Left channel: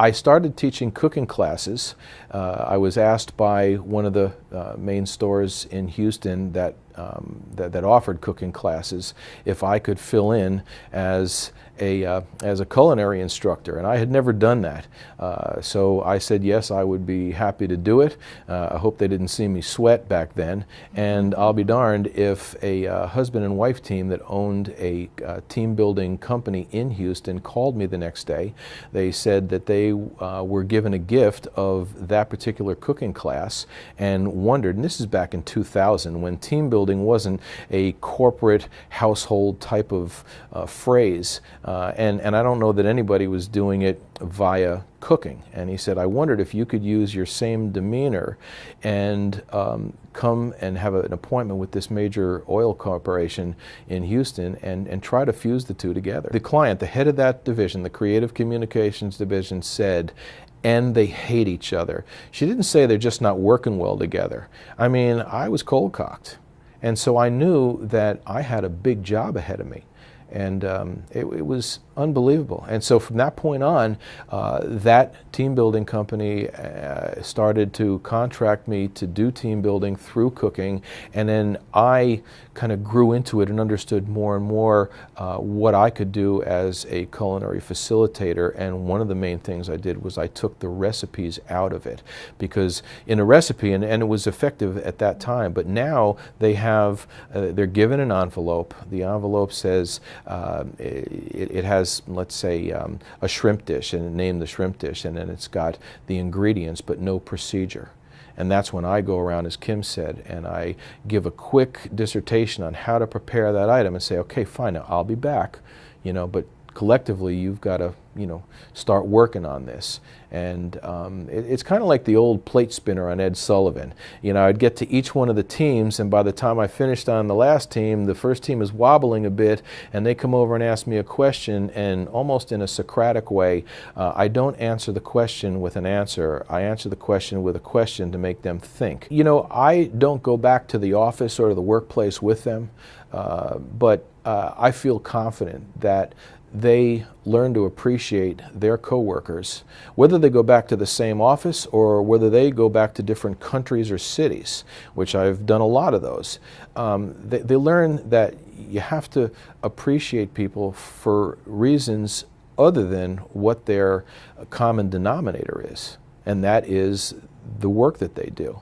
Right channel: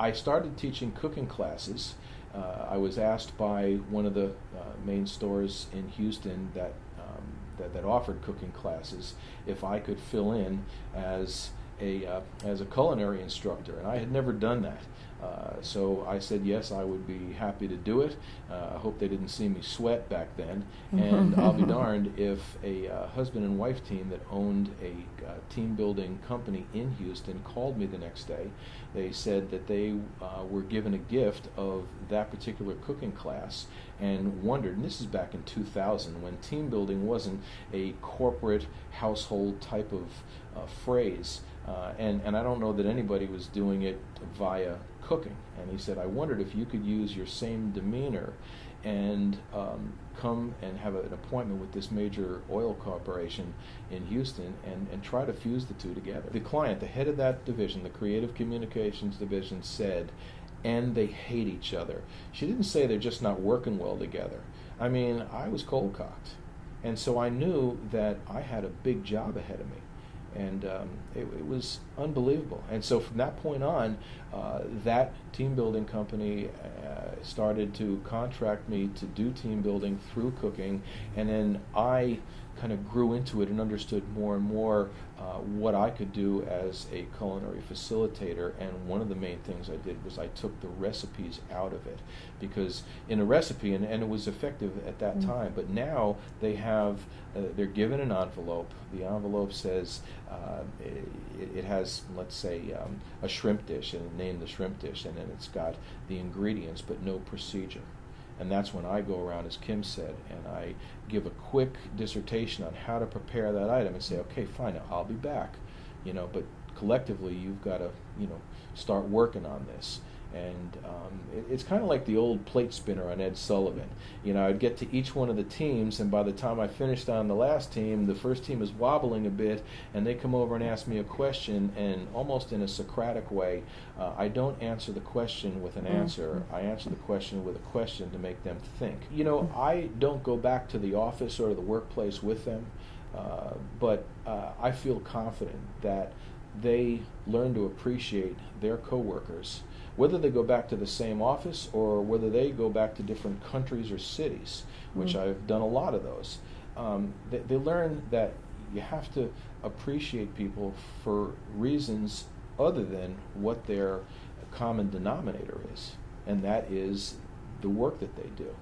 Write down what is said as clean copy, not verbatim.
I started teaching cooking classes. I was asked by one of the main stores in Houston that offered cooking classes if I could fill in as a culinary instructor, and I had never done that. So I said yes, I would be happy to do it. I hope they didn't see me sweat back then. And I'll be darned if a husband and wife team that owned a team building company in Houston called me the next day. They said that they were given a gift of that particular cooking class and wondered, and this is back in 2000 when team building wasn't a corporate household type of phrase. And I don't know that anybody was doing it via cooking. And he said, I wondered if you could use your same demeanor and come and have an appointment with this major oil corporation in Houston and try to fuse the two together. The client, the head of that division, the creative communications division, said, and they hate each other. She didn't say they're just not working well together. I mean, I was cold cocked. And so I knew that I had a big job ahead of me. And it was unbelievable. And so from that point on, that team building company started to contract me to do team building through cooking. And then I kind of grew into it and understood more and more what I could do as a culinary facilitator. And one of the main things I did was I took the recipes out of it. Because in a recipe, and it was effective at that time, but now they have, they're given an envelope. The envelope says, it has, let's say, a shrimp dish, and name the shrimp dish, and then it's got the ingredients but no procedure. And that's when I go around, as Kim said, and I give a quick dissertation on how to prepare that item and say, okay, fine, now I'll be back, but collectively you've got to, start working on this. And it's kind of like the old plate spinner on Ed Sullivan. I'd get to each one of the teams, and by the time I finished on the last team, the first team is wobbling a bit, and they come over and ask me a question, and almost in a Socratic way, I don't answer the question with an answer. I answer the question with a question to make them think. I don't go back to the office or to the workplace with them, but I feel confident that they learn to appreciate their coworkers, whether they go back to the same office or whether they go back to different countries or cities, which I've done a lot of those. They learn that you have to appreciate people for reasons other than what their common denominator is, and that is the work that they do.